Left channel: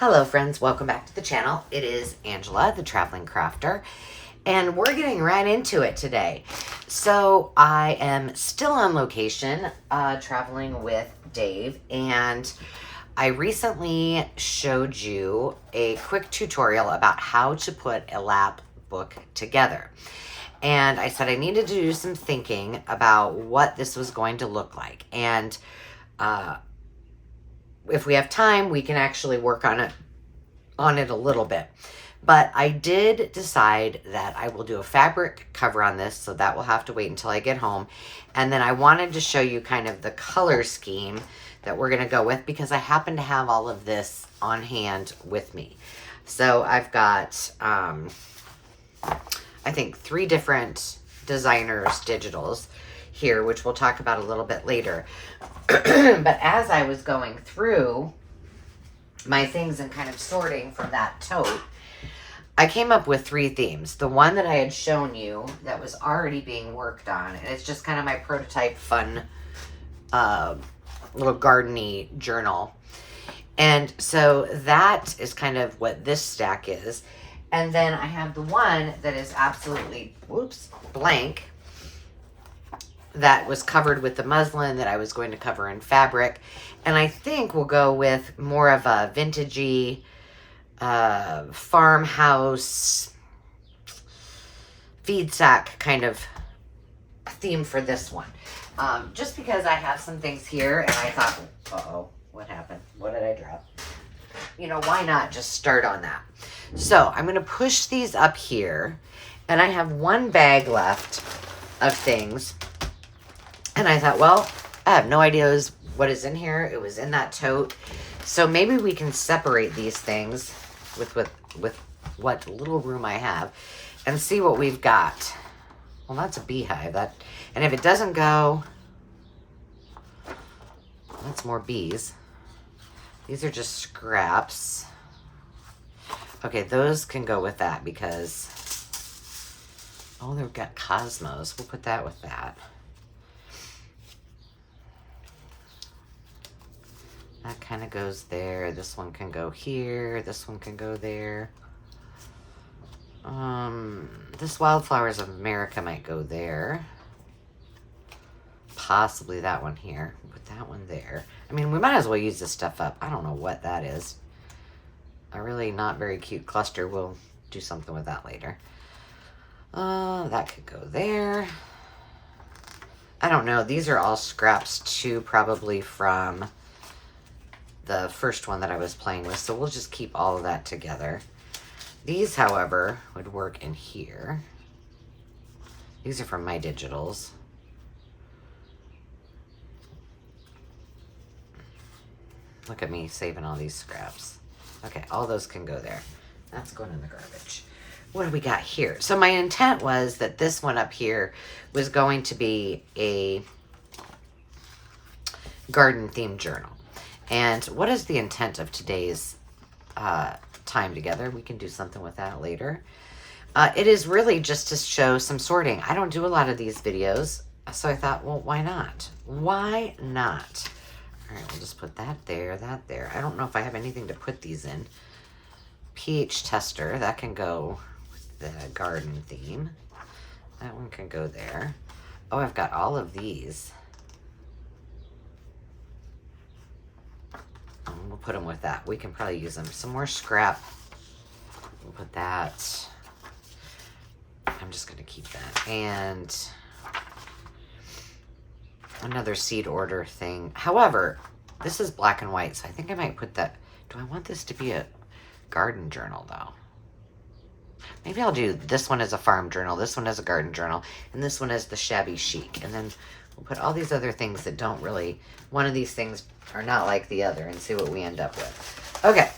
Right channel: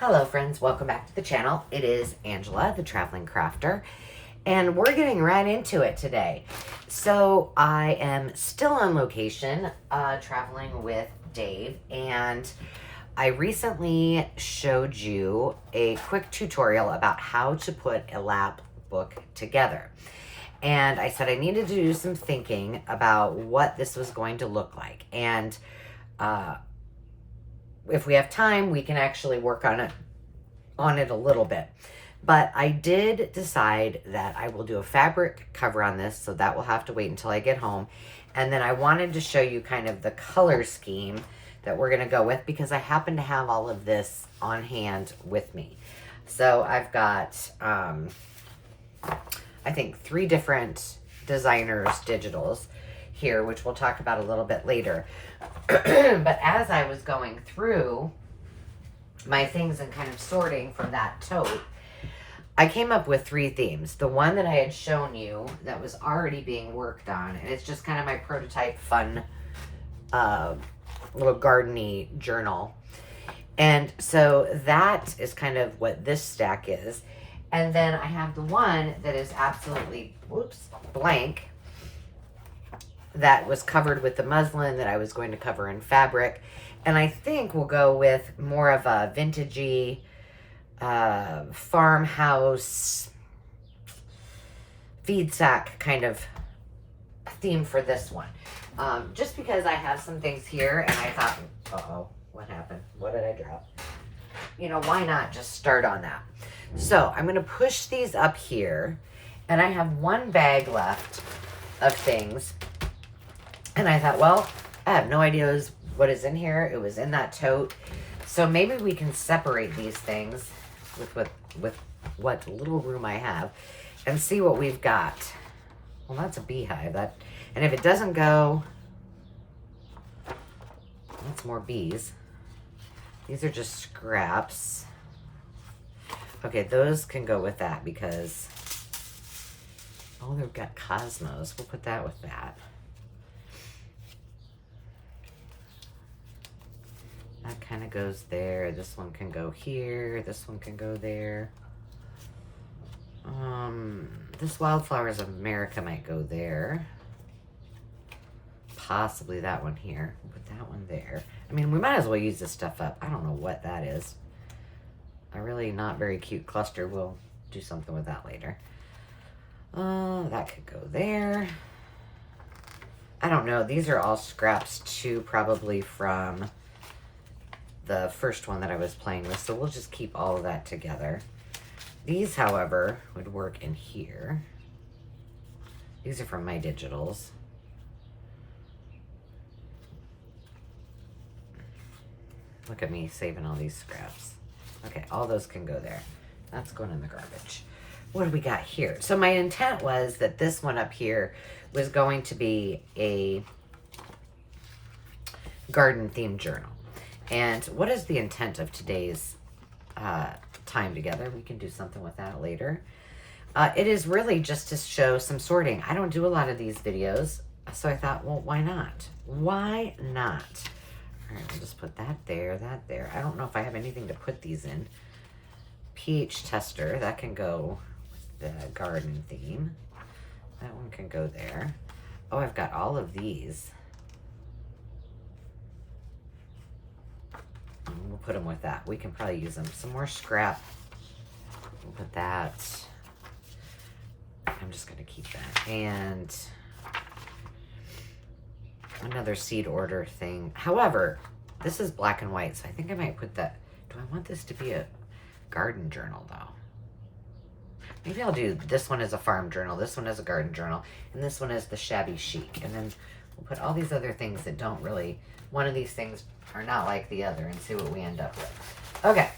Hello friends, welcome back to the channel. It is Angela, the Traveling Crafter, and we're getting right into it today. So I am still on location, traveling with Dave, and I recently showed you a quick tutorial about how to put a lap book together. And I said I needed to do some thinking about what this was going to look like. And if we have time, we can actually work on it a little bit. But I did decide that I will do a fabric cover on this, so that will have to wait until I get home. And then I wanted to show you kind of the color scheme that we're going to go with, because I happen to have all of this on hand with me. So I've got, I think 3 different designers' digitals here, which we'll talk about a little bit later. But as I was going through my things and kind of sorting from that tote, I came up with 3 themes. The one that I had shown you that was already being worked on, and it's just kind of my prototype fun little garden-y journal. And so that is kind of what this stack is. And then I have the one that is absolutely, blank, that was covered with the muslin that I was going to cover in fabric. And I think we'll go with more of a vintagey farmhouse feed sack kind of theme for this one. Just because I have some things here and I thought, uh-oh, what happened? What did I drop? You know, why not just start on that? So I'm going to push these up here, and I have 1 bag left of things. And I thought, well, I have no idea what is in here. It was in that tote. So maybe we can separate these things with what little room I have and see what we've got. Well, that's a beehive. And if it doesn't go, that's more bees. These are just scraps. Okay, those can go with that because, oh, they've got cosmos. We'll put that with that. That kind of goes there. This one can go here. This one can go there. This Wildflowers of America might go there. Possibly that one here. We'll put that one there. I mean, we might as well use this stuff up. I don't know what that is. A really not very cute cluster. We'll do something with that later. That could go there. I don't know. These are all scraps too, probably from the first one that I was playing with, so we'll just keep all of that together. These, however, would work in here. These are from my digitals. Look at me saving all these scraps. Okay, all those can go there. That's going in the garbage. What do we got here? So my intent was that this one up here was going to be a garden-themed journal. And what is the intent of today's time together? We can do something with that later. It is really just to show some sorting. I don't do a lot of these videos, so I thought, well, why not? Why not? All right, we'll just put that there, that there. I don't know if I have anything to put these in. pH tester, that can go with the garden theme. That one can go there. Oh, I've got all of these. We'll put them with that. We can probably use them. Some more scrap. We'll put that. I'm just going to keep that. And another seed order thing. However, this is black and white, so I think I might put that. Do I want this to be a garden journal, though? Maybe I'll do this one as a farm journal, this one as a garden journal, and this one as the shabby chic. And then we'll put all these other things that don't really, one of these things are not like the other, and see what we end up with. Okay.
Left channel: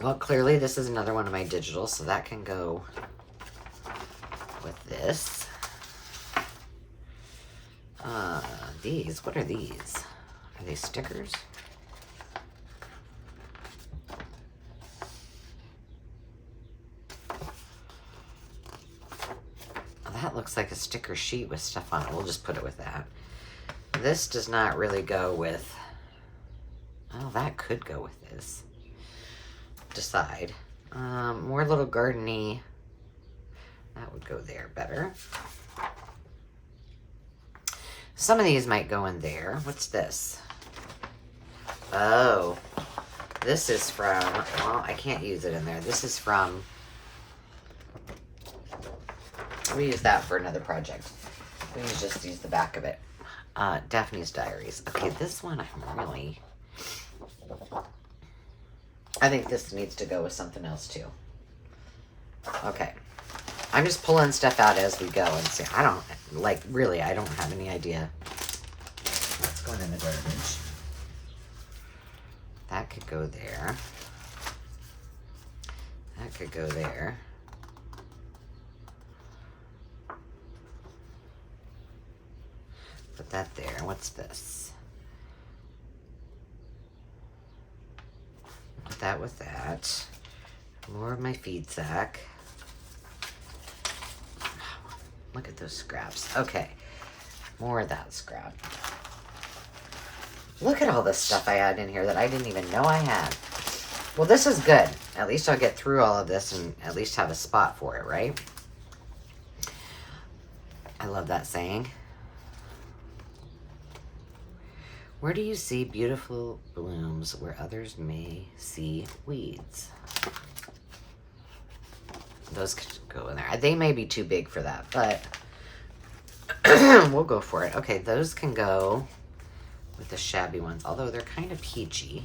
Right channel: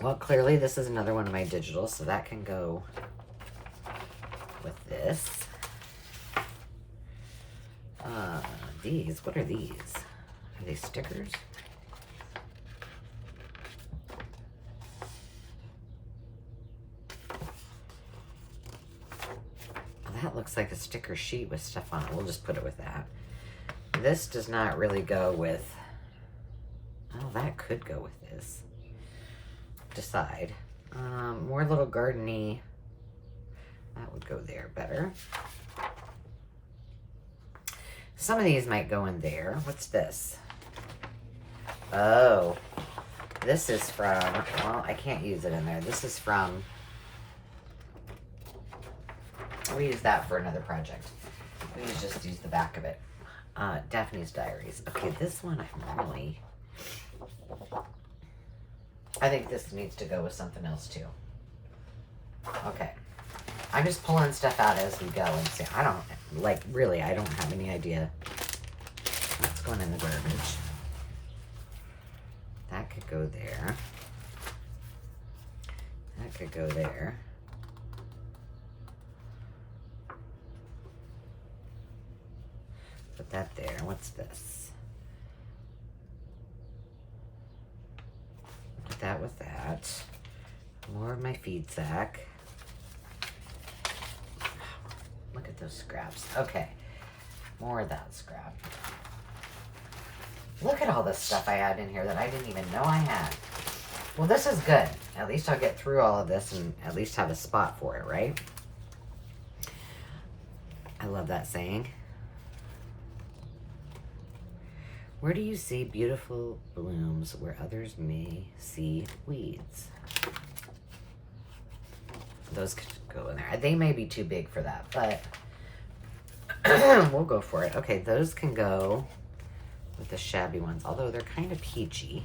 Well, clearly this is another one of my digitals, so that can go with this. These, what are these? Are they stickers? That looks like a sticker sheet with stuff on it. We'll just put it with that. This does not really go with, oh, that could go with this. decide. More little garden-y. That would go there better. Some of these might go in there. What's this? Oh, this is from, well, I can't use it in there. This is from, we use that for another project. We just use the back of it. Daphne's Diaries. Okay, this one I think this needs to go with something else too. Okay. I'm just pulling stuff out as we go and see. I don't, like, really, I don't have any idea what's going in the garbage. That could go there. That could go there. Put that there. What's this? Put that with that. More of my feed sack. Look at those scraps. Okay. More of that scrap. Look at all this stuff I had in here that I didn't even know I had. Well, this is good. At least I'll get through all of this and at least have a spot for it, right? I love that saying. Where do you see beautiful blooms where others may see weeds? Those could go in there. They may be too big for that, but we'll go for it. Okay, those can go with the shabby ones, although they're kind of peachy,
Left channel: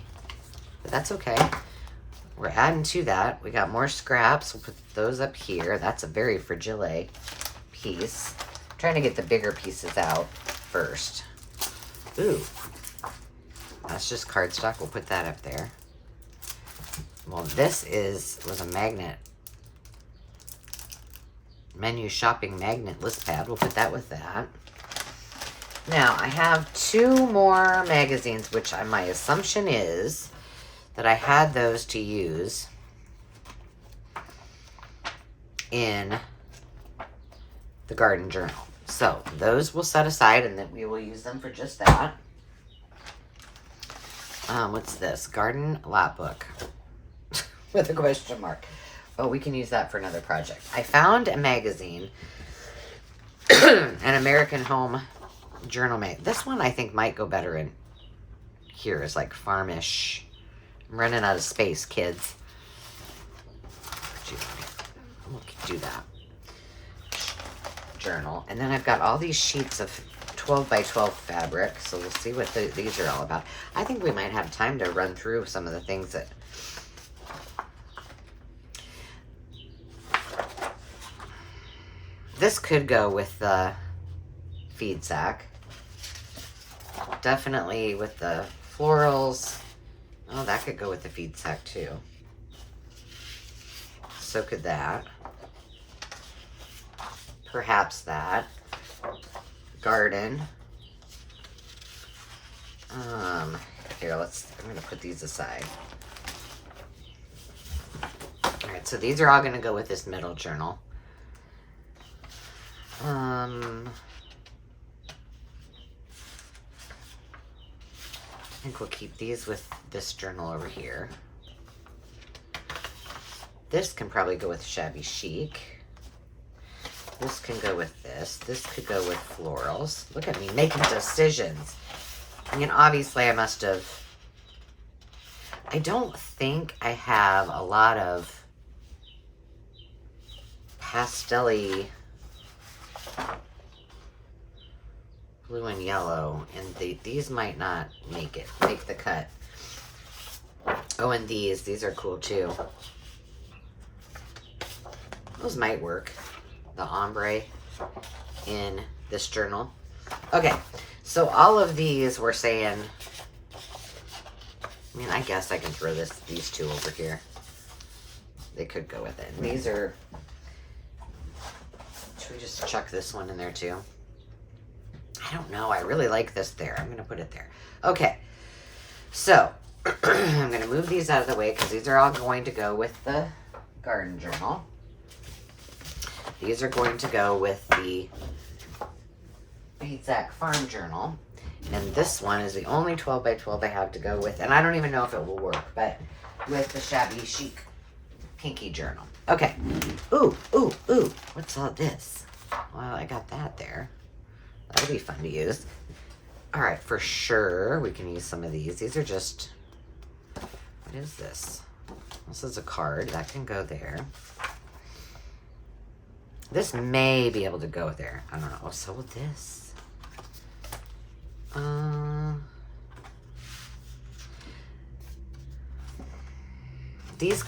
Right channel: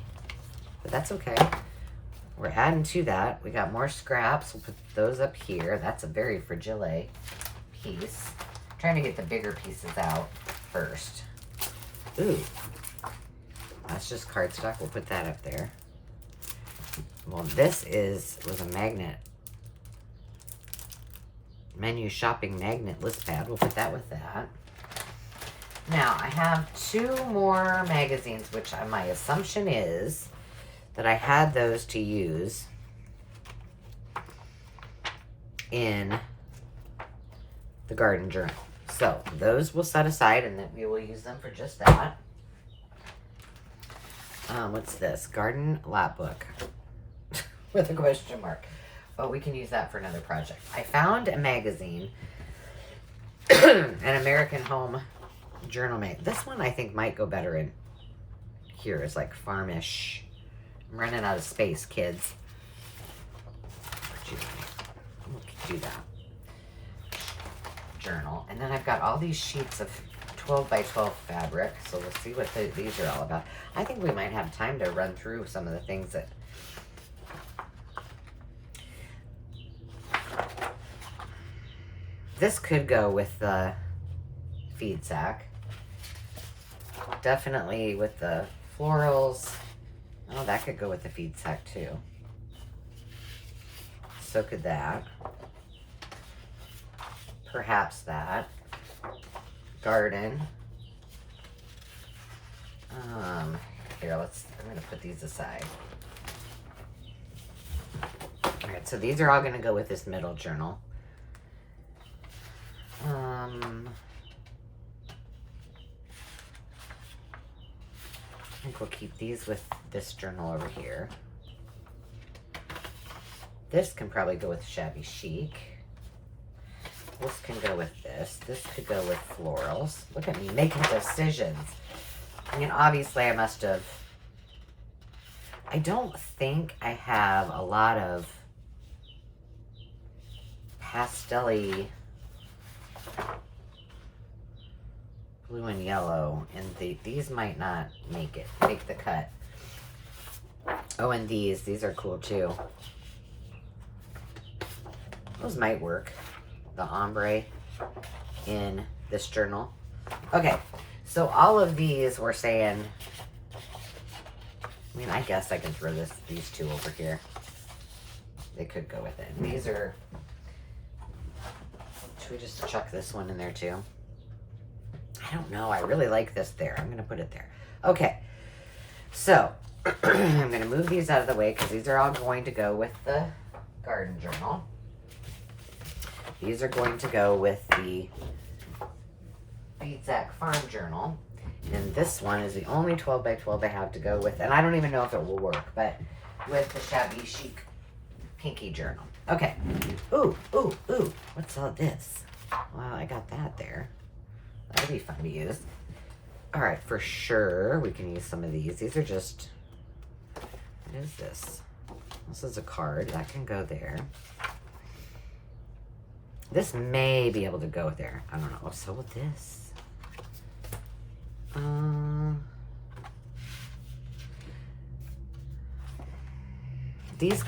but that's okay. We're adding to that. We got more scraps. We'll put those up here. That's a very fragile piece. I'm trying to get the bigger pieces out first. Ooh, that's just cardstock. We'll put that up there. Well, this was a magnet. Menu shopping magnet list pad. We'll put that with that. Now, I have 2 more magazines, which my assumption is that I had those to use in the garden journal. So, those we'll set aside, and then we will use them for just that. What's this? Garden lap book with a question mark. Well, we can use that for another project. I found a magazine, an American Home Journal Mate. This one I think might go better in here. It's like farmish. I'm running out of space, kids. We'll do that. Journal. And then I've got all these sheets of 12 by 12 fabric. So we'll see what these are all about. I think we might have time to run through some of the things that... This could go with the feed sack. Definitely with the florals. Oh, that could go with the feed sack too. So could that. Perhaps that. Garden. Here, I'm gonna put these aside. All right, so these are all gonna go with this middle journal. I think we'll keep these with this journal over here. This can probably go with shabby chic. This can go with this. This could go with florals. Look at me making decisions. I mean, obviously I must have... I don't think I have a lot of pastel-y blue and yellow, and these might not make the cut. Oh, and these are cool too. Those might work. The ombre in this journal. Okay, so all of these we're saying, I mean, I guess I can throw these 2 over here. They could go with it. And these are, should we just chuck this one in there too? I don't know. I really like this there. I'm going to put it there. Okay. So, I'm going to move these out of the way because these are all going to go with the garden journal. These are going to go with the Feed Sack Farm Journal. And this one is the only 12 by 12 I have to go with. And I don't even know if it will work, but with the shabby chic pinky journal. Okay. Ooh, ooh, ooh. What's all this? Well, I got that there. That'll be fun to use. All right, for sure, we can use some of these. These are just, what is this? This is a card. That can go there. This may be able to go there. I don't know. Oh, so will this. These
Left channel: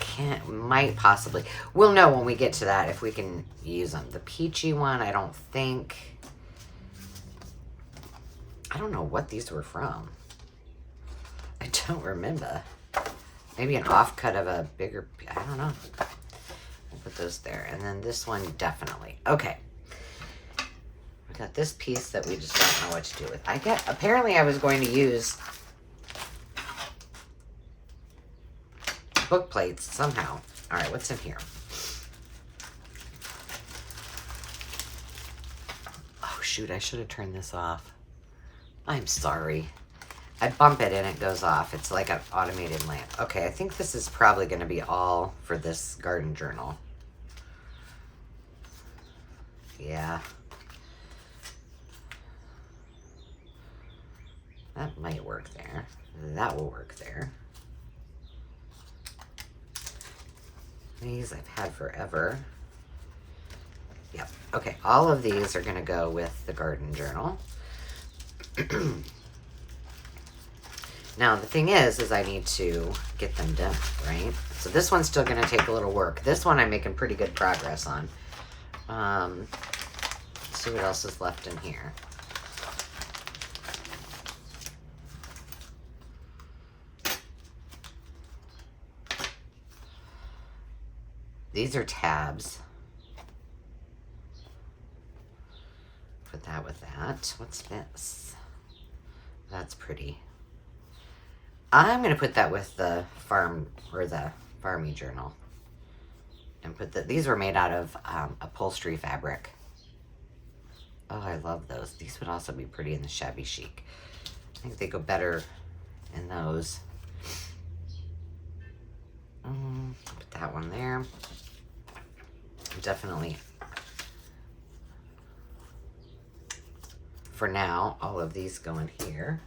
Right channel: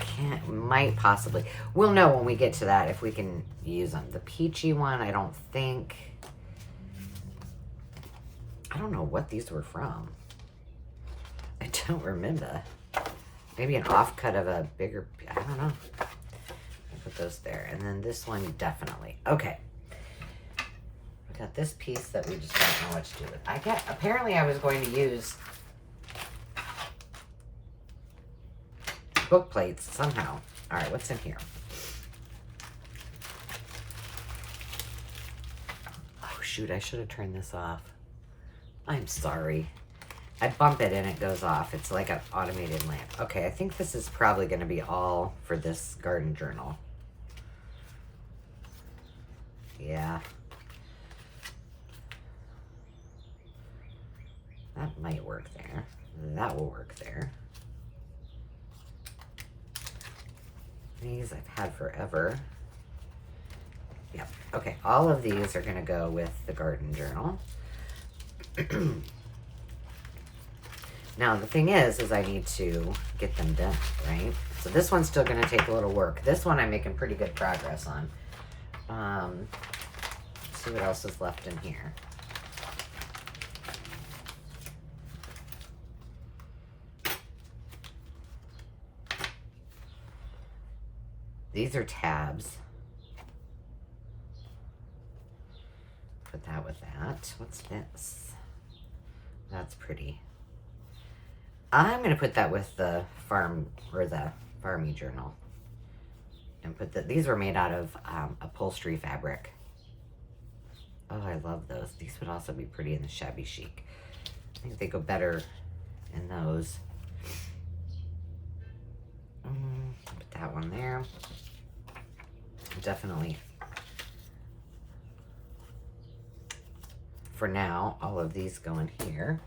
might possibly, we'll know when we get to that if we can use them. The peachy one, I don't think. I don't know what these were from. I don't remember. Maybe an offcut of a bigger, I don't know. I'll put those there. And then this one, definitely. Okay. We got this piece that we just don't know what to do with. Apparently I was going to use book plates somehow. All right, what's in here? Oh, shoot, I should have turned this off. I'm sorry. I bump it and it goes off. It's like an automated lamp. Okay, I think this is probably going to be all for this garden journal. Yeah. That might work there. That will work there. These I've had forever. Yep. Okay, all of these are going to go with the garden journal. Now, the thing is I need to get them done, right? So this one's still going to take a little work. This one I'm making pretty good progress on. Let's see what else is left in here. These are tabs. Put that with that. What's this? That's pretty. I'm going to put that with the farm or the farmy journal. And put that. These were made out of upholstery fabric. Oh, I love those. These would also be pretty in the shabby chic. I think they go better in those. Put that one there. Definitely. For now, all of these go in here.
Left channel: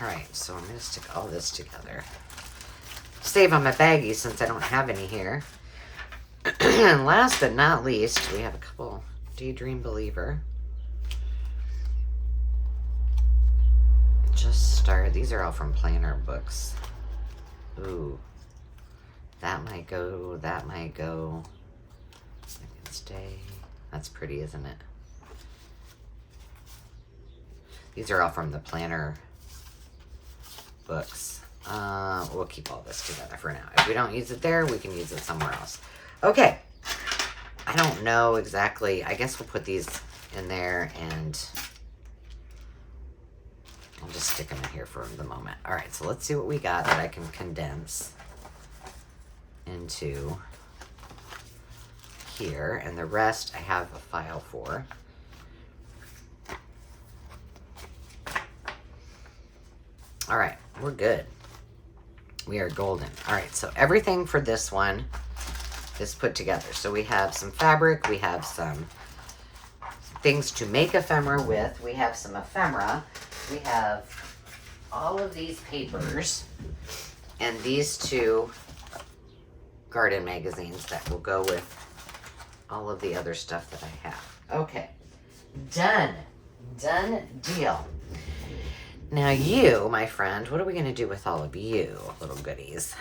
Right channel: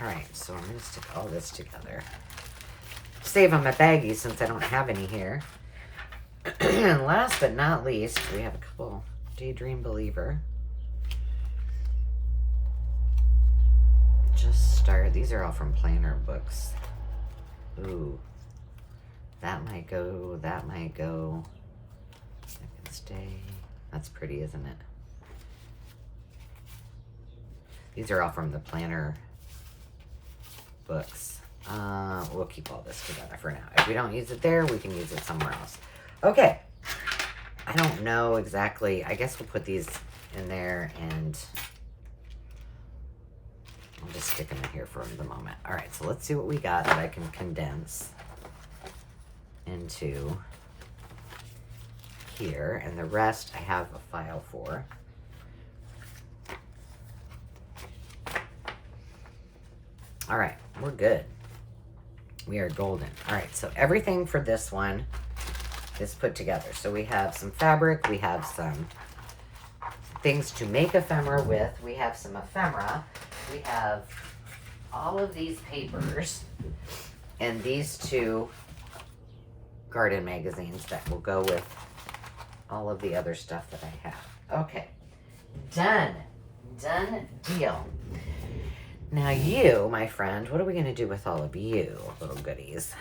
All right, so I'm going to stick all this together. Save on my baggies since I don't have any here. And last but not least, we have a couple Daydream Believer. Just start. These are all from planner books. Ooh. That might go. That might go. That can stay. That's pretty, isn't it? These are all from the planner books. We'll keep all this together for now. If we don't use it there, we can use it somewhere else. Okay. I don't know exactly. I guess we'll put these in there and I'll just stick them in here for the moment. All right, so let's see what we got that I can condense into here. And the rest I have a file for. All right, we're good. We are golden. All right, so everything for this one is put together. So we have some fabric, we have some things to make ephemera with, we have some ephemera, we have all of these papers, and these two garden magazines that will go with all of the other stuff that I have. Okay, done. Done deal. Now you, my friend, what are we going to do with all of you little goodies?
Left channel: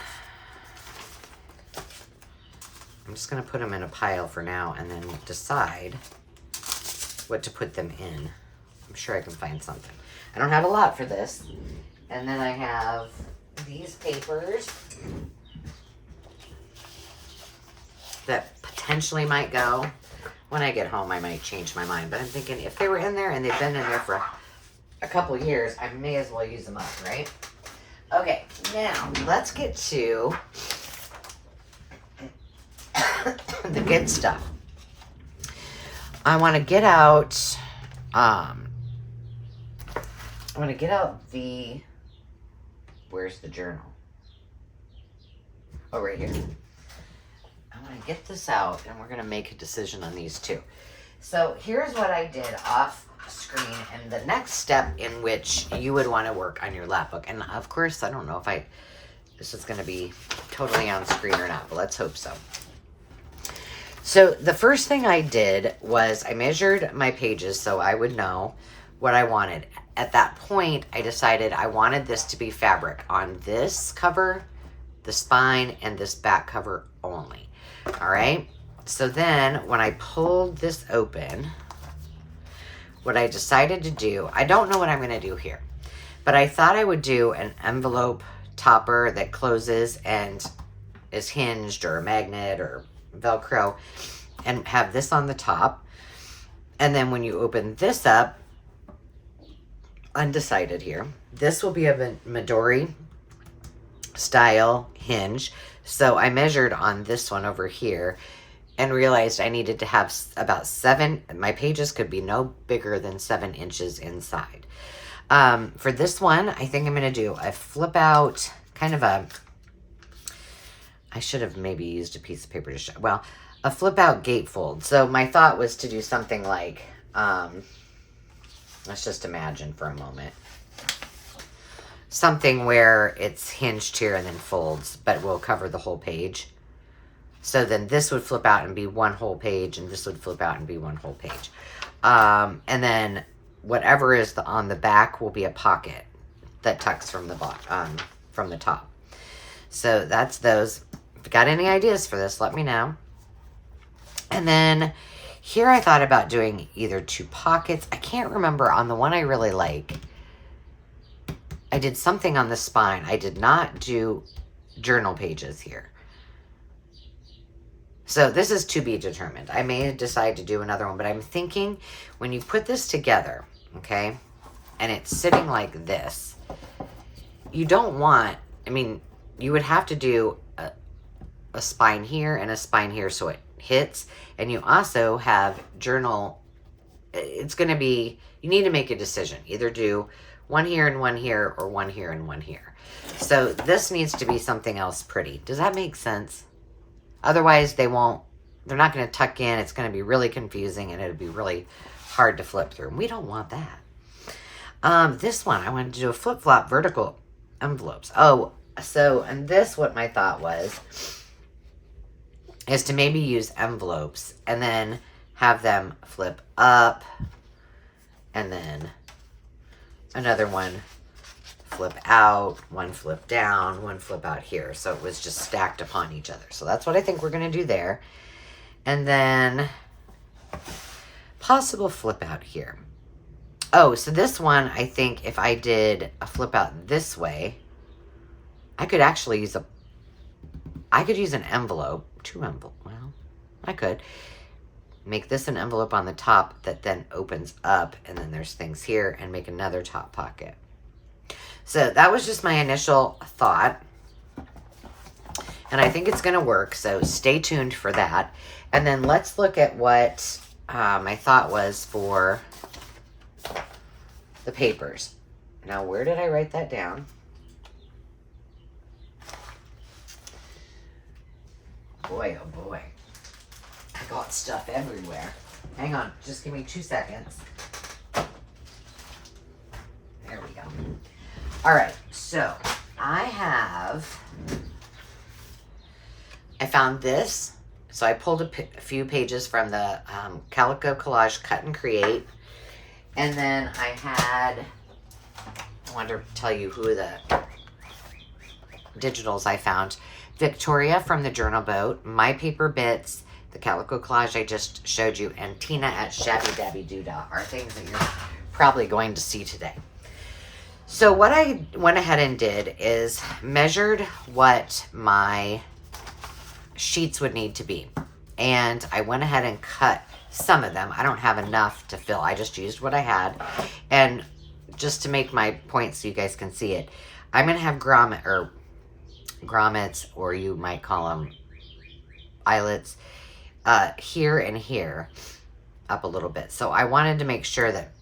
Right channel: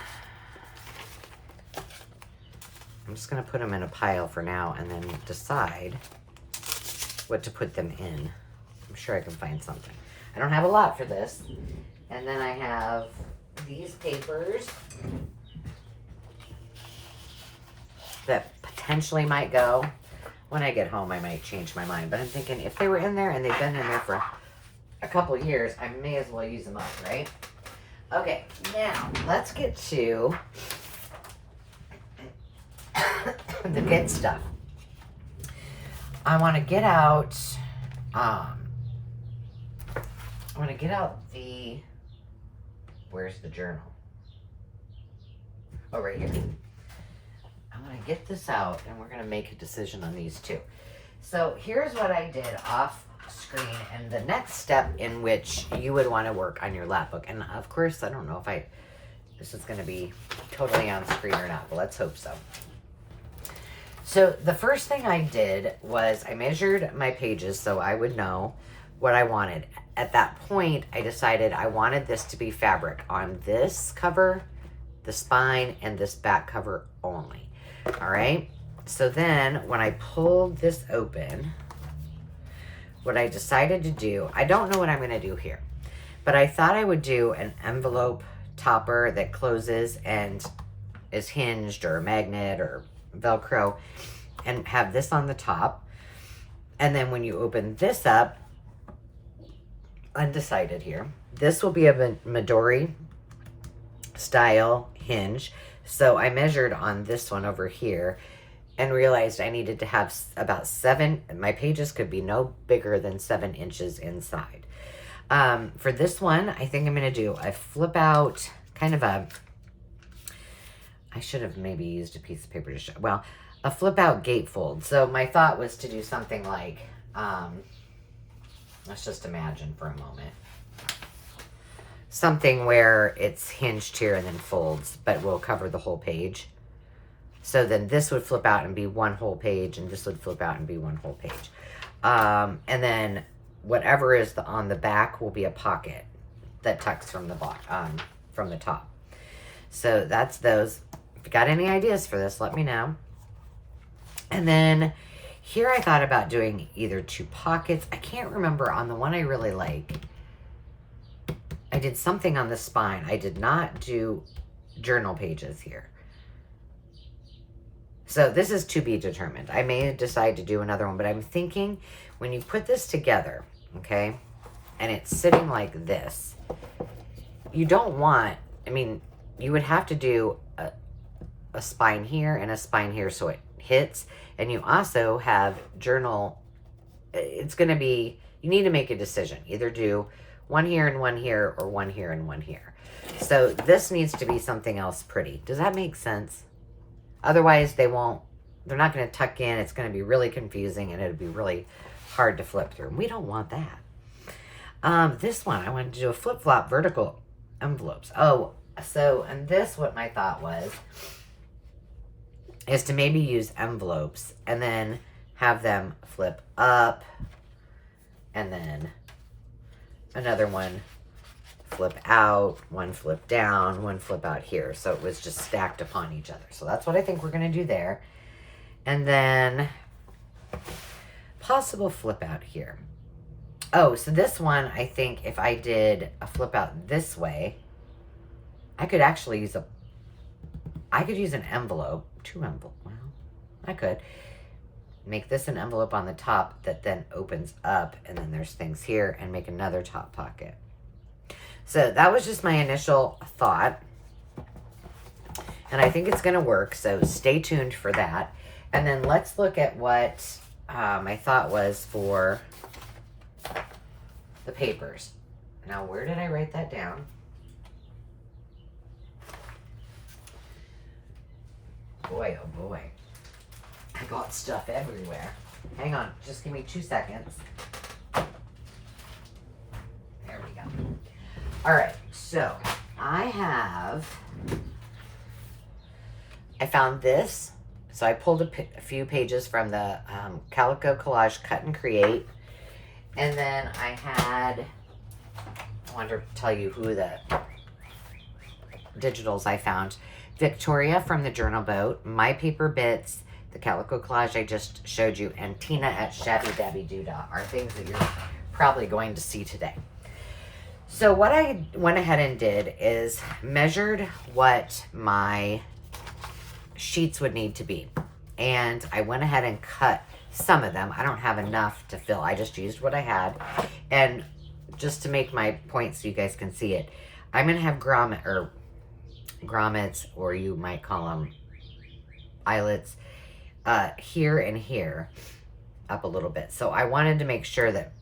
I'm just going to put them in a pile for now and then decide what to put them in. I'm sure I can find something. I don't have a lot for this. And then I have these papers that potentially might go. When I get home, I might change my mind. But I'm thinking if they were in there and they've been in there for a couple of years, I may as well use them up, right? Okay, now let's get to the good stuff. I want to get out, where's the journal? Oh, right here. I'm going to get this out and we're going to make a decision on these two. So here's what I did off screen and the next step in which you would want to work on your lap book. And of course, I don't know if this is going to be totally on screen or not, but let's hope so. So the first thing I did was I measured my pages so I would know what I wanted. At that point, I decided I wanted this to be fabric on this cover, the spine, and this back cover only. All right. So then when I pulled this open, what I decided to do, I don't know what I'm going to do here, but I thought I would do an envelope topper that closes and is hinged or a magnet or Velcro and have this on the top. And then when you open this up, undecided here, this will be a Midori style hinge. So I measured on this one over here and realized I needed to have about 7, my pages could be no bigger than 7 inches inside. For this one, I think I'm going to do a flip out, kind of a, I should have maybe used a piece of paper to show, well, a flip out gatefold. So my thought was to do something like, let's just imagine for a moment. Something where it's hinged here and then folds, but will cover the whole page. So then this would flip out and be one whole page, and this would flip out and be one whole page. And then whatever is on the back will be a pocket that tucks from the from the top. So that's those. If you got any ideas for this, let me know. And then here I thought about doing either 2 pockets. I can't remember on the one I really like. I did something on the spine. I did not do journal pages here. So this is to be determined. I may decide to do another one, but I'm thinking when you put this together, okay, and it's sitting like this, you don't want, I mean, you would have to do a spine here and a spine here so it hits. And you also have journal, it's going to be, you need to make a decision. Either do one here and one here, or one here and one here. So this needs to be something else pretty. Does that make sense? Otherwise, they're not going to tuck in. It's going to be really confusing, and it'll be really hard to flip through. We don't want that. This one, I wanted to do a flip-flop vertical envelopes. Oh, so, and this, what my thought was, is to maybe use envelopes and then have them flip up, and then another one flip out, one flip down, one flip out here. So it was just stacked upon each other. So that's what I think we're going to do there. And then possible flip out here. Oh, so this one, I think if I did a flip out this way, I could actually use an envelope, 2 envelopes. Well, I could make this an envelope on the top that then opens up, and then there's things here, and make another top pocket. So that was just my initial thought, and I think it's going to work, so stay tuned for that. And then let's look at what my thought was for the papers. Now, where did I write that down? Boy, oh boy. I got stuff everywhere. Hang on, just give me 2 seconds. There we go. All right, so I found this. So I pulled a few pages from the Calico Collage Cut and Create. And then I wanted to tell you who the digitals I found. Victoria from the Journal Boat, My Paper Bits, the Calico Collage I just showed you, and Tina at Shabby Dabby Doodah are things that you're probably going to see today. So what I went ahead and did is measured what my sheets would need to be. And I went ahead and cut some of them. I don't have enough to fill. I just used what I had. And just to make my point so you guys can see it, I'm going to have grommets, or you might call them eyelets, here and here, up a little bit. So I wanted to make sure that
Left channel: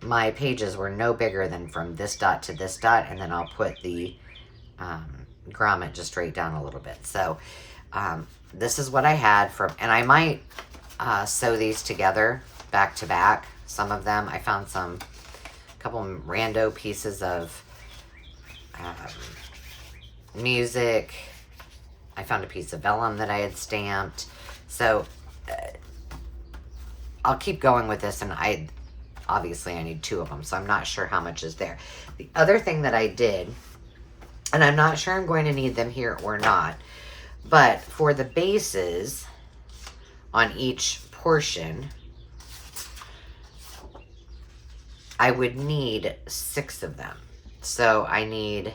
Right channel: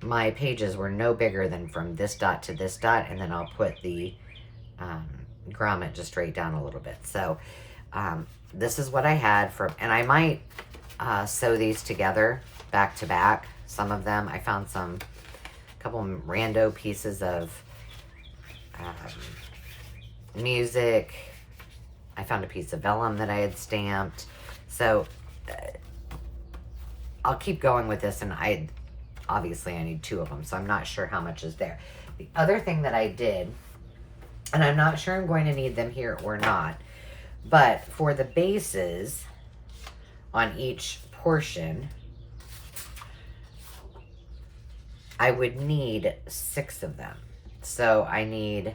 my pages were no bigger than from this dot to this dot, and then I'll put the grommet just right down a little bit. So this is what I had from, and I might sew these together back to back. Some of them, I found a couple rando pieces of music. I found a piece of vellum that I had stamped. So I'll keep going with this, and obviously I need 2 of them, so I'm not sure how much is there. The other thing that I did, and I'm not sure I'm going to need them here or not, but for the bases on each portion, I would need 6 of them. So I need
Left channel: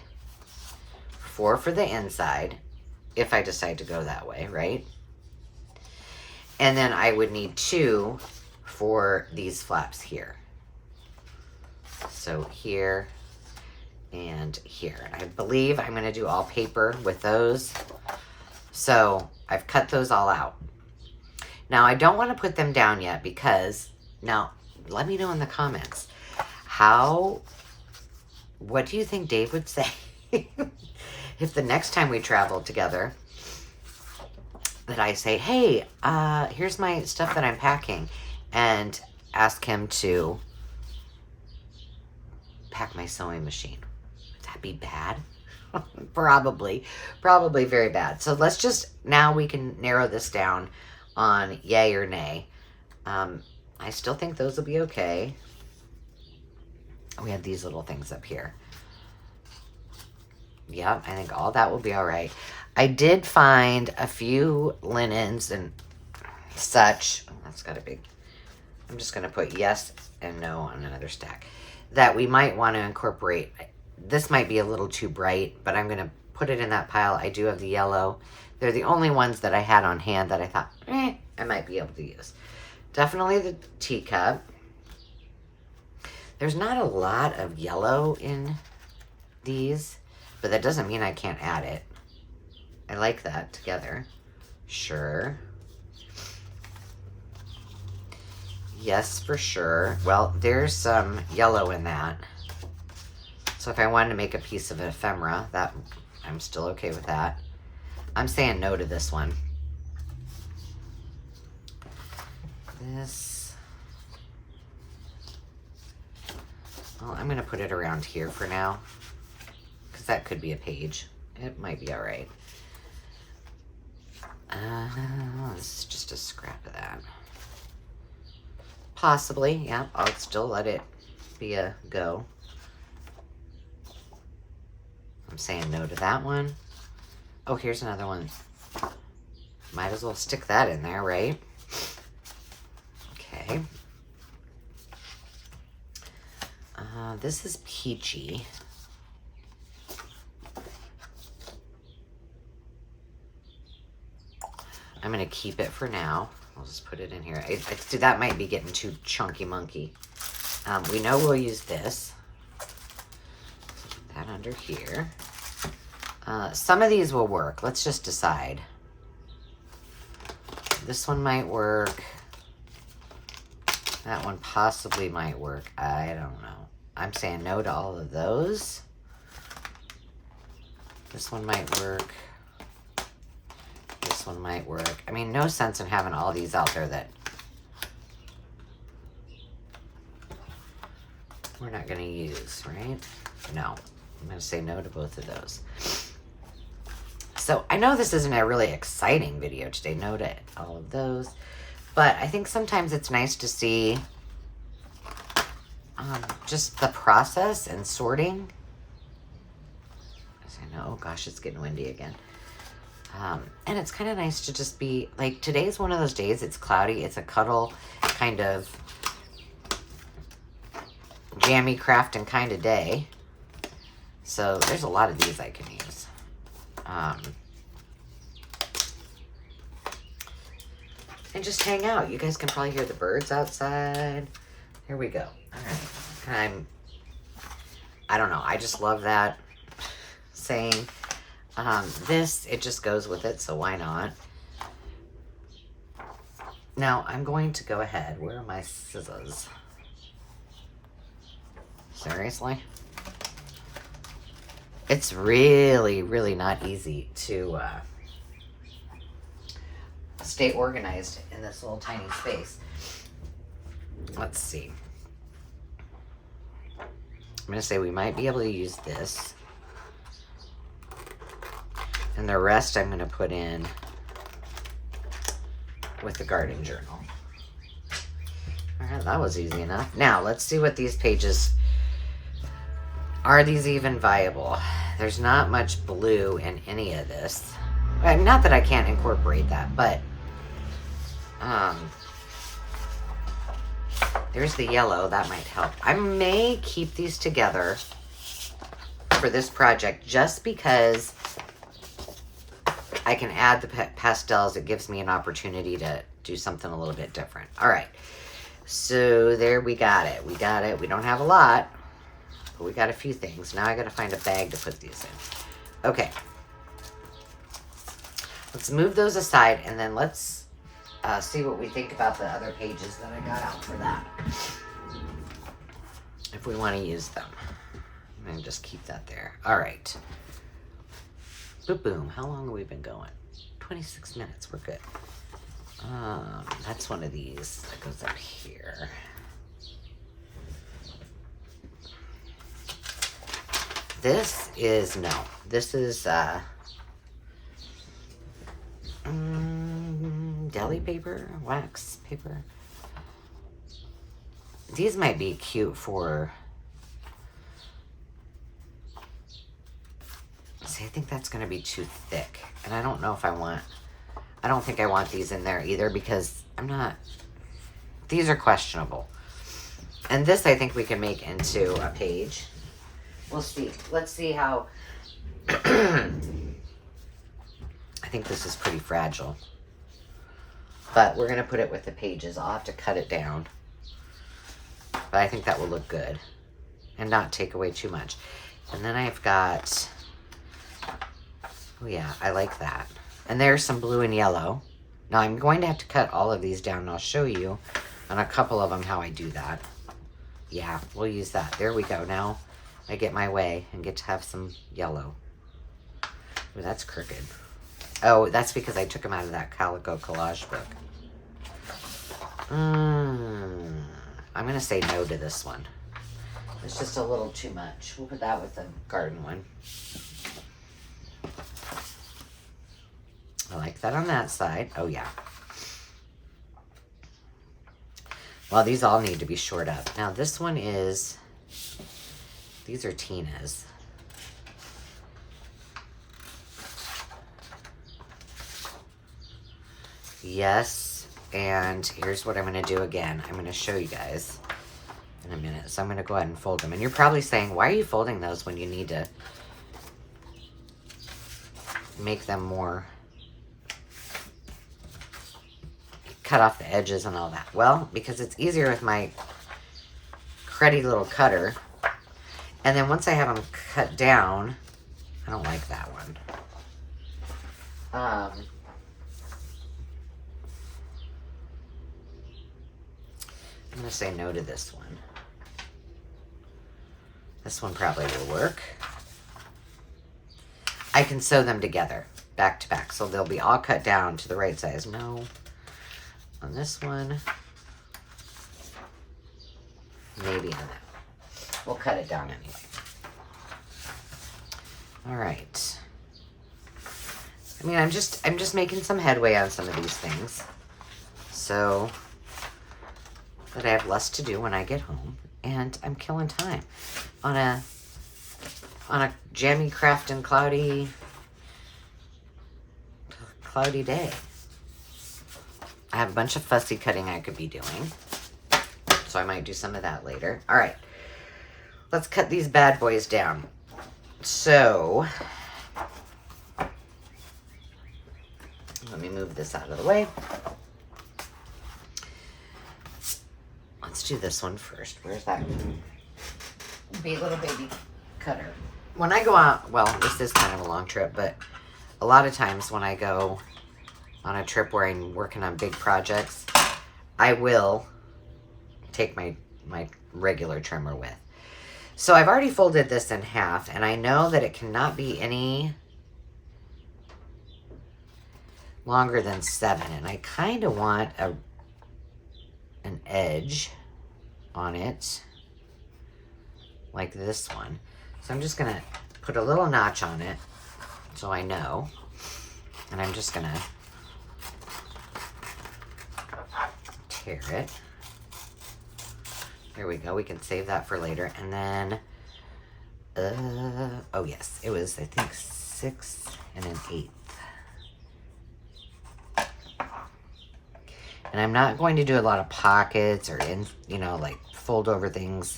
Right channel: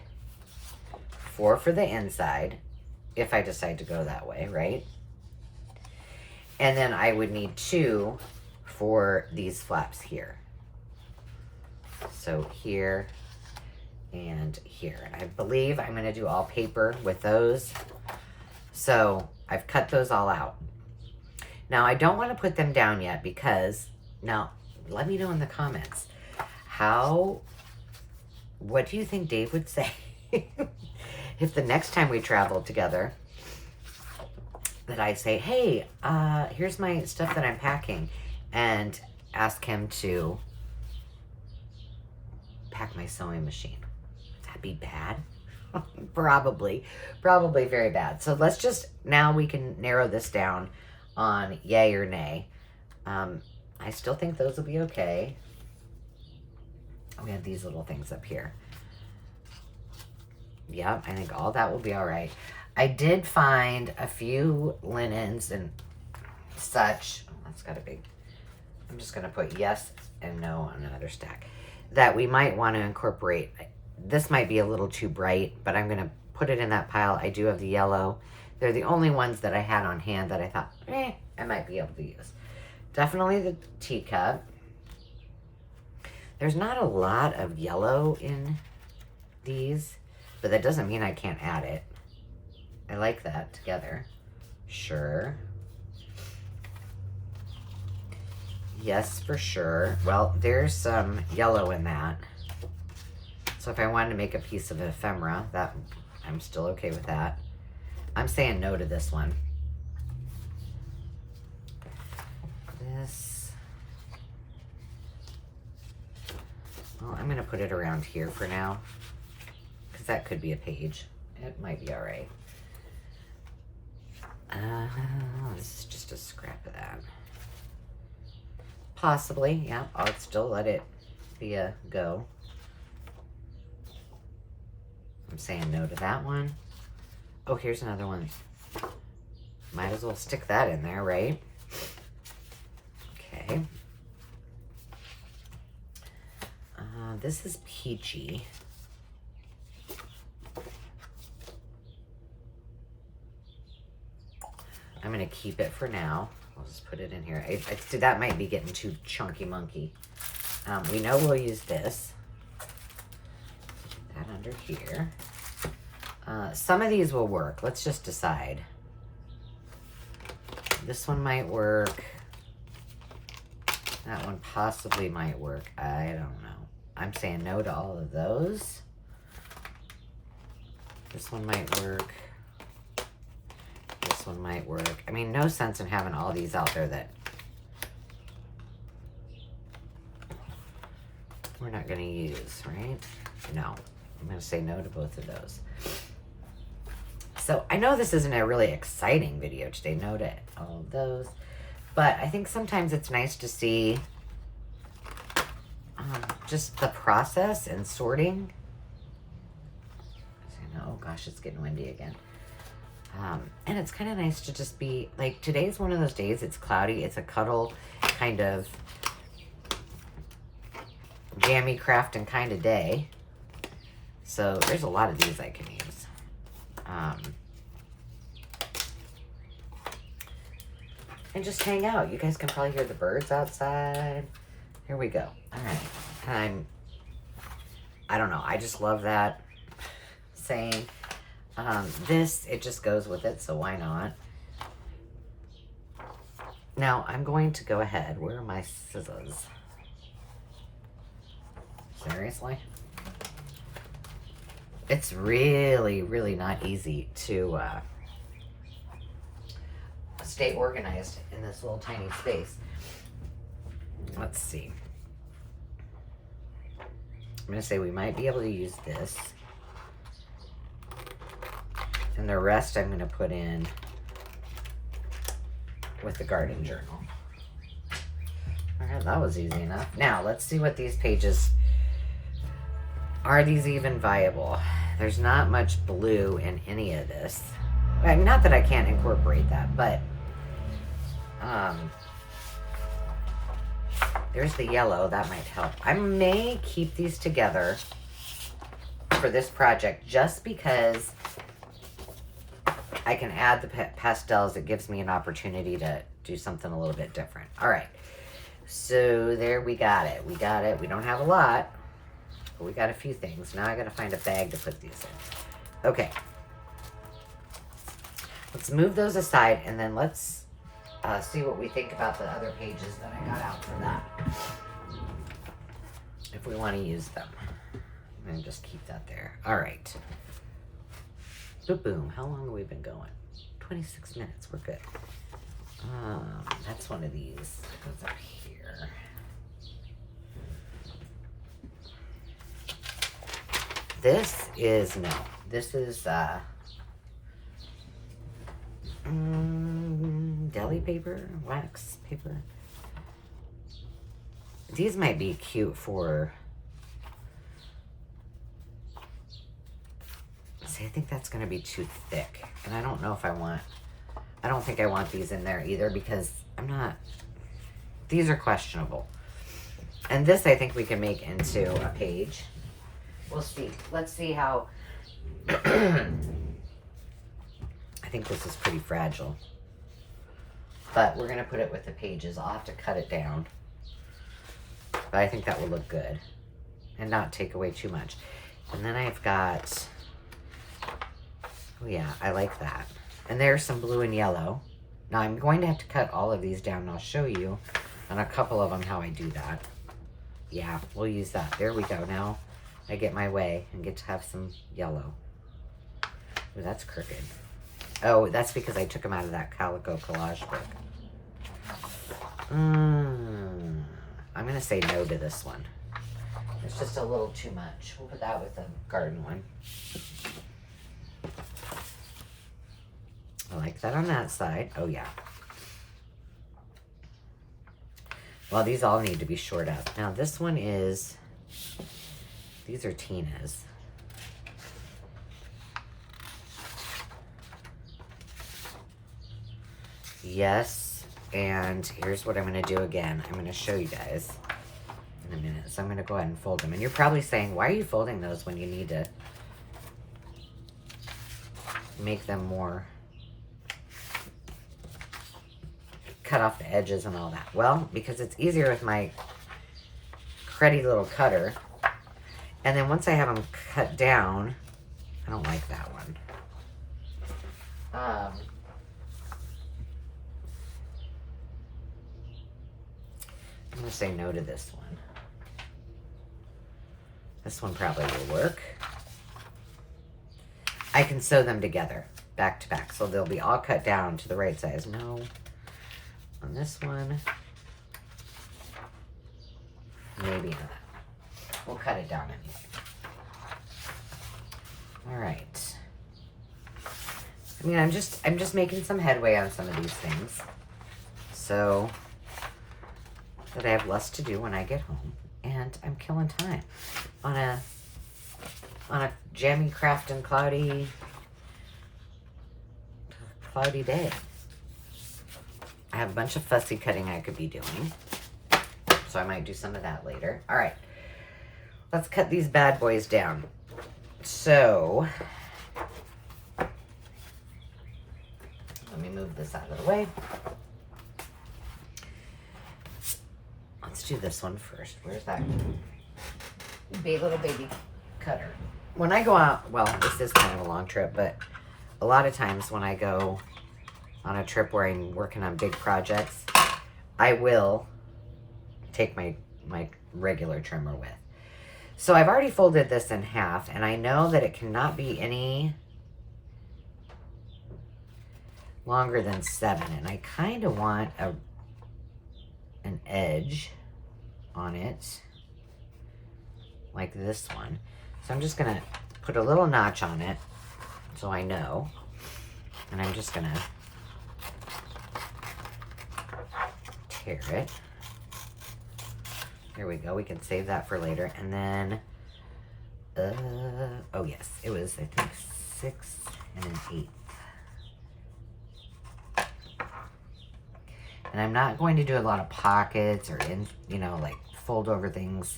4 for the inside, if I decide to go that way, right? And then I would need 2 for these flaps here. So here and here. I believe I'm going to do all paper with those. So I've cut those all out. Now I don't want to put them down yet because, now let me know in the comments, what do you think Dave would say if the next time we travel together that I say, hey, here's my stuff that I'm packing, and ask him to pack my sewing machine? Would that be bad? Probably very bad. So let's just, now we can narrow this down on yay or nay. I still think those will be okay. We have these little things up here. Yep, I think all that will be all right. I did find a few linens and such. Oh, that's got a big, I'm just going to put yes and no on another stack that we might want to incorporate. This might be a little too bright, but I'm going to put it in that pile. I do have the yellow. They're the only ones that I had on hand that I thought, I might be able to use. Definitely the teacup. There's not a lot of yellow in these, but that doesn't mean I can't add it. I like that together. Sure. Yes, for sure. Well, there's some yellow in that. So if I wanted to make a piece of an ephemera, that I'm still okay with that. I'm saying no to this one. This, well, I'm going to put it around here for now, because that could be a page. It might be all right. This is just a scrap of that. Possibly, yeah, I'll still let it be a go. I'm saying no to that one. Oh, here's another one. Might as well stick that in there, right? Okay. This is peachy. I'm going to keep it for now. I'll just put it in here. I see that might be getting too chunky monkey. We know we'll use this. Put that under here. Some of these will work. Let's just decide. This one might work. That one possibly might work. I don't know. I'm saying no to all of those. This one might work. This one might work. I mean, no sense in having all these out there that we're not going to use, right? No. I'm going to say no to both of those. So I know this isn't a really exciting video today. No to all of those. But I think sometimes it's nice to see just the process and sorting. As I know, oh gosh, it's getting windy again. And it's kind of nice to just be, like, today's one of those days, it's cloudy, it's a cuddle kind of jammy crafting kind of day. So there's a lot of these I can use. And just hang out. You guys can probably hear the birds outside. Here we go. All right. I don't know. I just love that saying. This, it just goes with it, so why not? Now, I'm going to go ahead. Where are my scissors? Seriously? It's really, really not easy to stay organized in this little tiny space. Let's see. I'm going to say we might be able to use this. And the rest I'm going to put in with the garden journal. All right, that was easy enough. Now, let's see what these pages... Are these even viable? There's not much blue in any of this. Well, not that I can't incorporate that, but... there's the yellow. That might help. I may keep these together for this project just because I can add the pastels. It gives me an opportunity to do something a little bit different. All right. So there we got it. We got it. We don't have a lot, but we got a few things. Now I got to find a bag to put these in. Okay. Let's move those aside and then let's see what we think about the other pages that I got out for that. If we want to use them. And just keep that there. All right. Boom, boom. How long have we been going? 26 minutes. We're good. That's one of these that goes up here. This is, no. This is, deli paper, wax paper. These might be cute for... See, I think that's going to be too thick. And I don't know if I want... I don't think I want these in there either because I'm not... These are questionable. And this I think we can make into a page. We'll see. Let's see how... I think this is pretty fragile. But we're going to put it with the pages. I'll have to cut it down. But I think that will look good. And not take away too much. And then I've got... Oh yeah, I like that. And there's some blue and yellow. Now I'm going to have to cut all of these down and I'll show you on a couple of them how I do that. Yeah, we'll use that. There we go. Now I get my way and get to have some yellow. Ooh, that's crooked. Oh, that's because I took them out of that Calico collage book. I'm going to say no to this one. It's just a little too much. We'll put that with the garden one. I like that on that side. Oh, yeah. Well, these all need to be shored up. Now, this one is... These are Tina's. Yes, and here's what I'm going to do again. I'm going to show you guys in a minute. So I'm going to go ahead and fold them. And you're probably saying, why are you folding those when you need to make them more... cut off the edges and all that? Well, because it's easier with my cruddy little cutter. And then once I have them cut down, I don't like that one. I'm going to say no to this one. This one probably will work. I can sew them together, back to back, so they'll be all cut down to the right size. No. On this one. Maybe on that. We'll cut it down anyway. All right. I mean, I'm just making some headway on some of these things, so that I have less to do when I get home, and I'm killing time on a jammy, crafting, cloudy day. I have a bunch of fussy cutting I could be doing, so I might do some of that later. All right, let's cut these bad boys down. So, let me move this out of the way. Let's do this one first. Where's that big little baby cutter? When I go out, well, this is kind of a long trip, but a lot of times when I go on a trip where I'm working on big projects, I will take my regular trimmer with. So I've already folded this in half, and I know that it cannot be any longer than 7, and I kind of want an edge on it like this one. So I'm just gonna put a little notch on it so I know, and I'm just gonna tear it. There we go. We can save that for later. And then oh yes, it was, I think, 6 1/8. And I'm not going to do a lot of pockets or, you know, like fold over things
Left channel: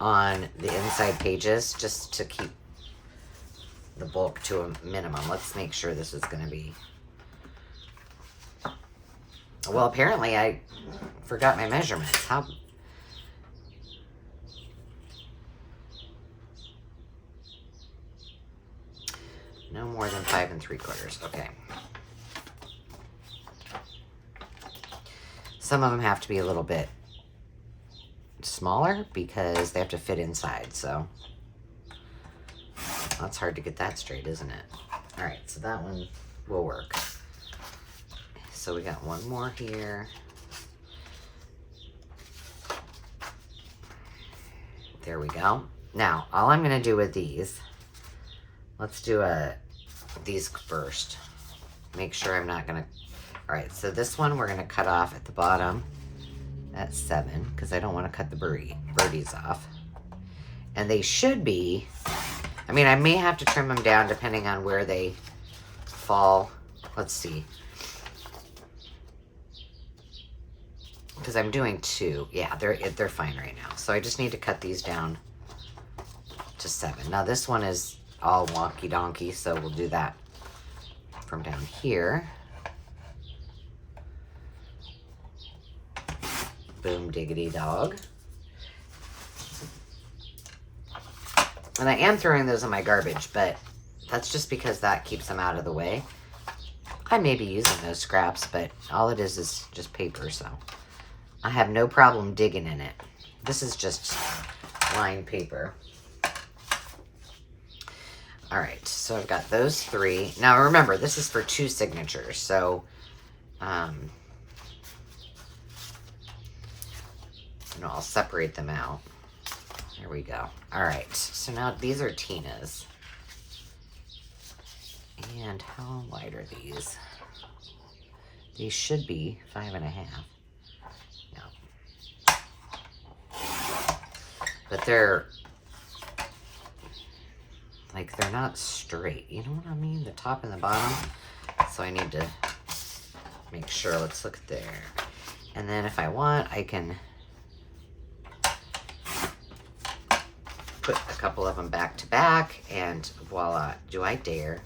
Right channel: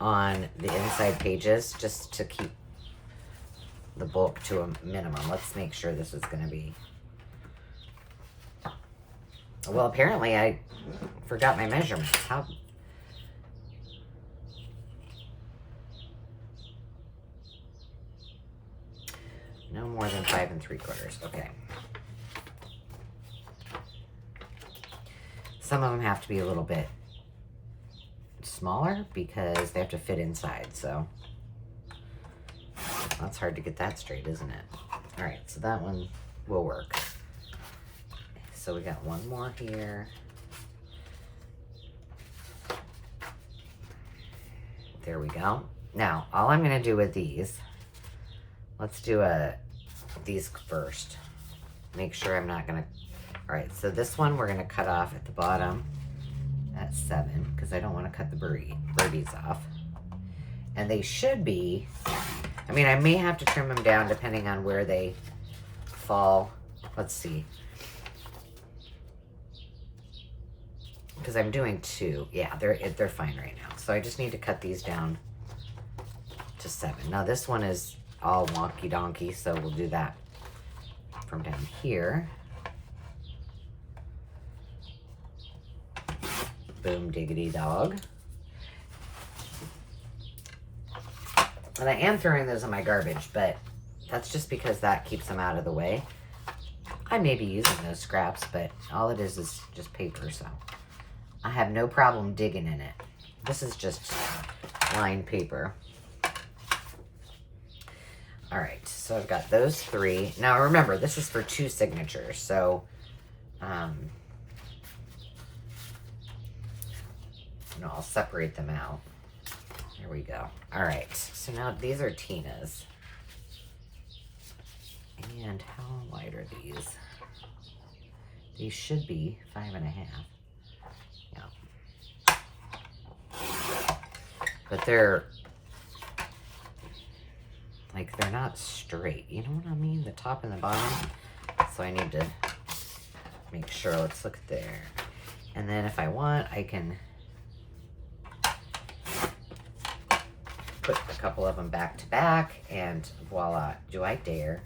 on the inside pages, just to keep the bulk to a minimum. Let's make sure this is going to be... Well, apparently I forgot my measurements. How... No more than 5 3/4. Okay. Some of them have to be a little bit smaller because they have to fit inside, so that's hard to get that straight, isn't it? All right, so that one will work. So we got one more here. There we go. Now, all I'm going to do with these, let's do these first. Make sure I'm not going to... All right, so this one we're going to cut off at the bottom at 7 because I don't want to cut the birdies off. And they should be... I mean, I may have to trim them down depending on where they fall. Let's see. Because I'm doing 2. Yeah, they're fine right now. So I just need to cut these down to 7. Now this one is all wonky donkey, so we'll do that from down here. Boom diggity dog. And I am throwing those in my garbage, but that's just because that keeps them out of the way. I may be using those scraps, but all it is just paper, so I have no problem digging in it. This is just lined paper. All right, so I've got those 3. Now remember, this is for 2 signatures, so you know, I'll separate them out. There we go. All right, so now these are Tina's. And how wide are these? These should be 5 1/2. Yeah. But they're like, they're not straight. You know what I mean? The top and the bottom. So I need to make sure. Let's look there. And then if I want, I can put a couple of them back to back, and voila. Do I dare?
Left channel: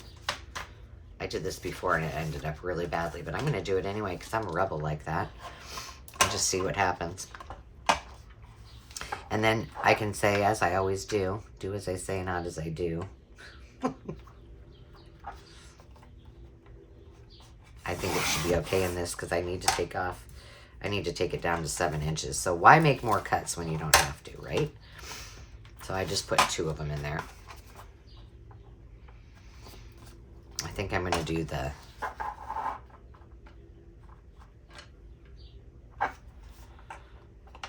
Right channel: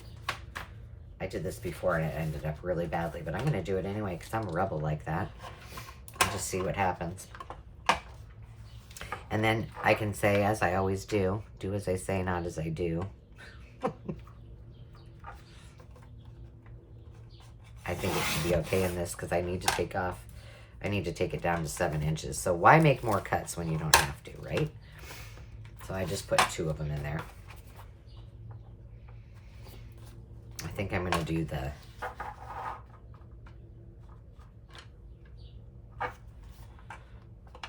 I did this before and it ended up really badly, but I'm going to do it anyway because I'm a rebel like that. And just see what happens. And then I can say, as I always do as I say, not as I do. I think it should be okay in this because I need to take it down to 7 inches. So why make more cuts when you don't have to, right? So I just put 2 of them in there. I think I'm going to do the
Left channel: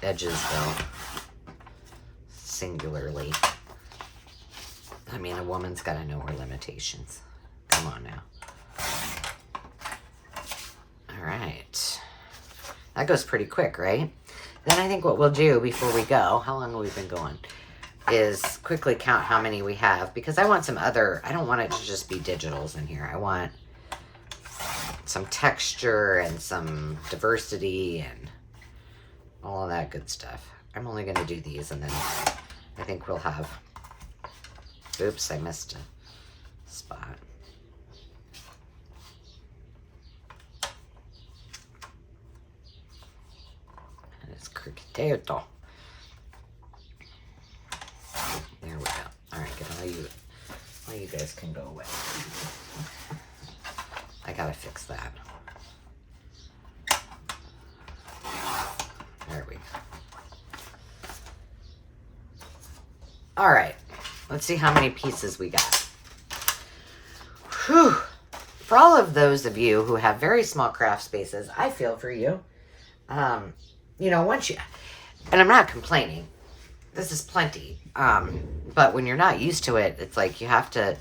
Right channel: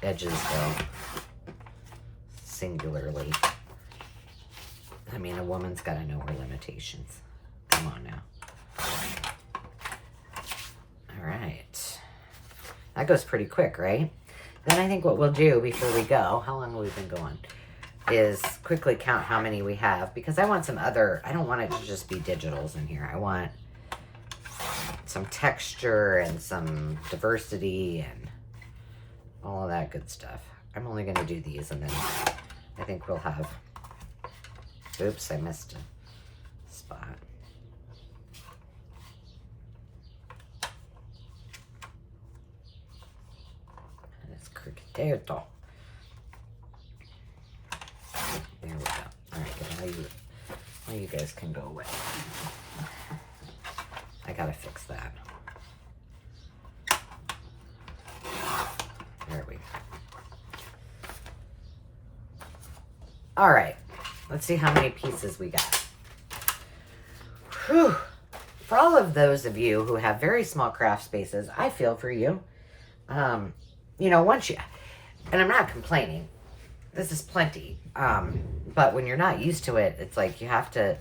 edges though, singularly. I mean, a woman's got to know her limitations. Come on now. All right. That goes pretty quick, right? Then I think what we'll do before we go, how long have we been going, is quickly count how many we have, because I want some other, I don't want it to just be digitals in here. I want some texture and some diversity and all of that good stuff. I'm only going to do these, and then I think we'll have, oops, I missed a spot. And it's cricketo. There we go. All right, good. Well, you guys can go away. I gotta fix that. There we go. All right, let's see how many pieces we got. Whew. For all of those of you who have very small craft spaces, I feel for you. You know, once you, and I'm not complaining, this is plenty. But when you're not used to it, it's like you have to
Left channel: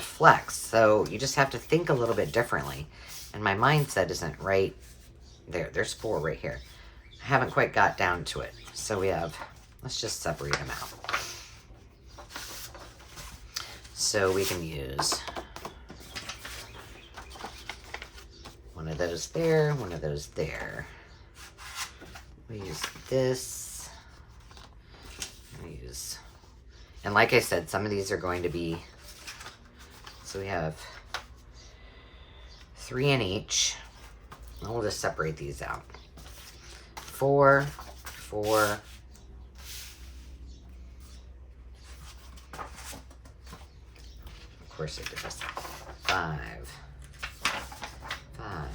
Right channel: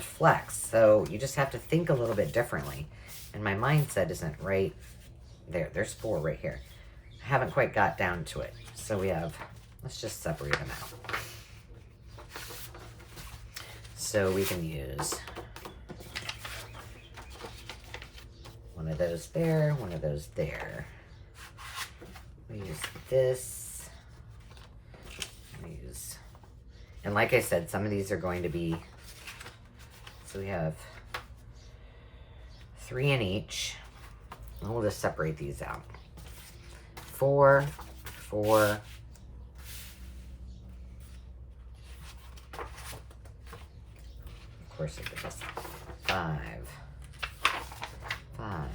flex. So you just have to think a little bit differently. And my mindset isn't right there. There's 4 right here. I haven't quite got down to it. So we have, let's just separate them out. So we can use one of those there, one of those there. We use this. We use, and like I said, some of these are going to be, so we have 3 in each. And we'll just separate these out. 4, 4. Of course I did this. 5, 5,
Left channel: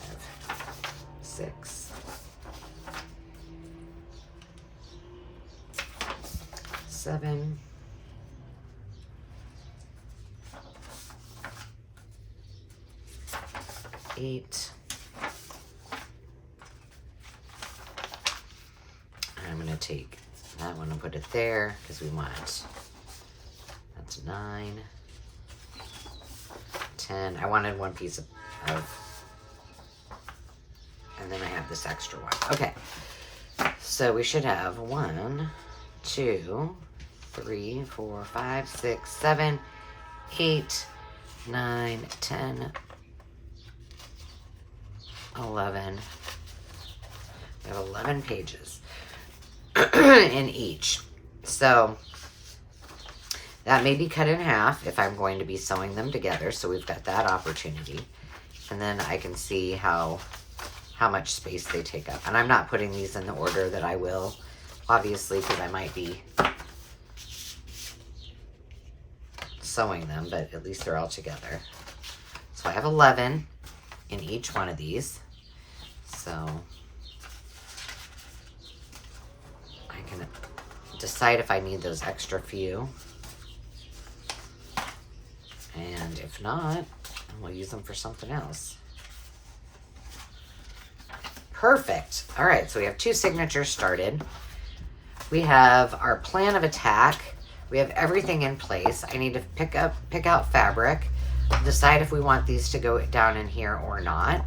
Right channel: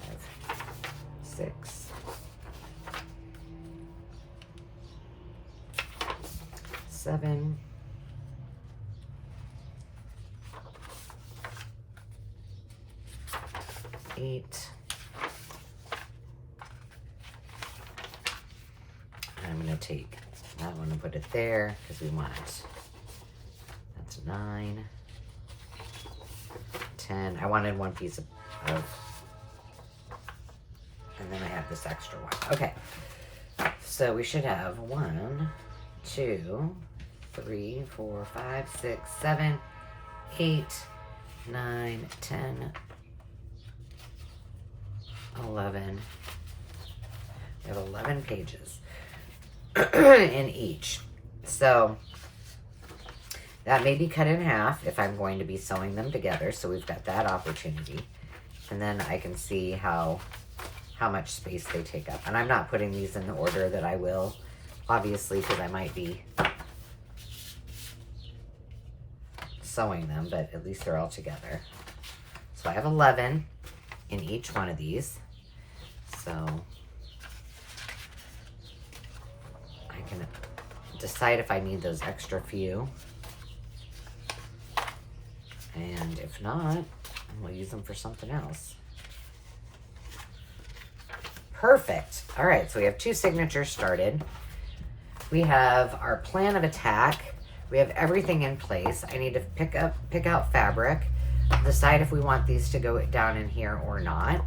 6, 7, 8. I'm going to take that one and put it there because we want it. That's 9, 10. I wanted one piece of, and then I have this extra one. Okay, so we should have 1, 2, 3, 4, 5, 6, 7, 8, 9, 10, 11. We have 11 pages in each. So that may be cut in half if I'm going to be sewing them together. So we've got that opportunity. And then I can see how much space they take up. And I'm not putting these in the order that I will, obviously, because I might be sewing them, but at least they're all together. So I have 11 in each one of these. So I can decide if I need those extra few. And if not, we'll use them for something else. Perfect. All right, so we have 2 signatures started. We have our plan of attack. We have everything in place. I need to pick out fabric, decide if we want these to go down in here or not.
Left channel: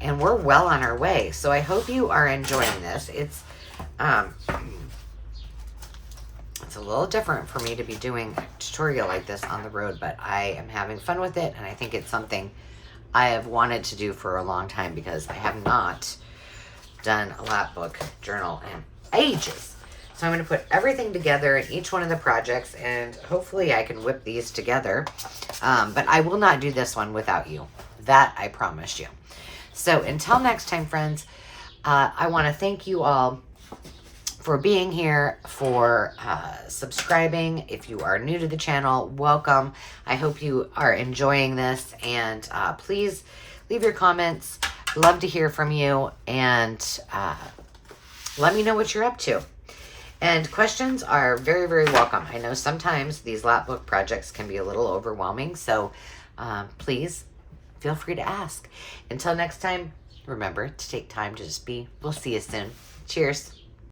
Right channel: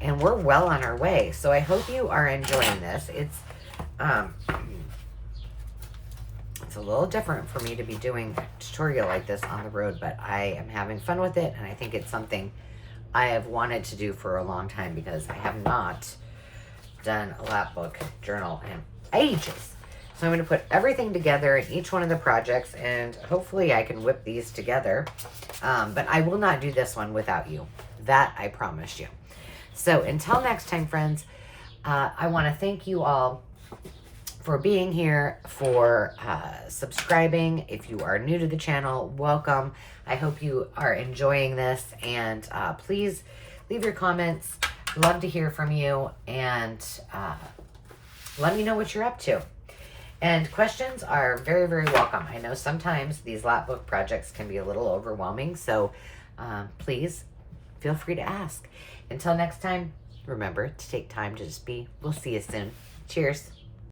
And we're well on our way. So I hope you are enjoying this. It's a little different for me to be doing a tutorial like this on the road, but I am having fun with it, and I think it's something I have wanted to do for a long time because I have not done a lap book journal in ages. So I'm going to put everything together in each one of the projects, and hopefully I can whip these together. But I will not do this one without you. That I promise you. So until next time, friends, I want to thank you all for being here, for subscribing. If you are new to the channel, welcome. I hope you are enjoying this, and please leave your comments. Love to hear from you, and let me know what you're up to. And questions are very, very welcome. I know sometimes these lap book projects can be a little overwhelming, so please feel free to ask. Until next time, remember to take time to just be. We'll see you soon. Cheers.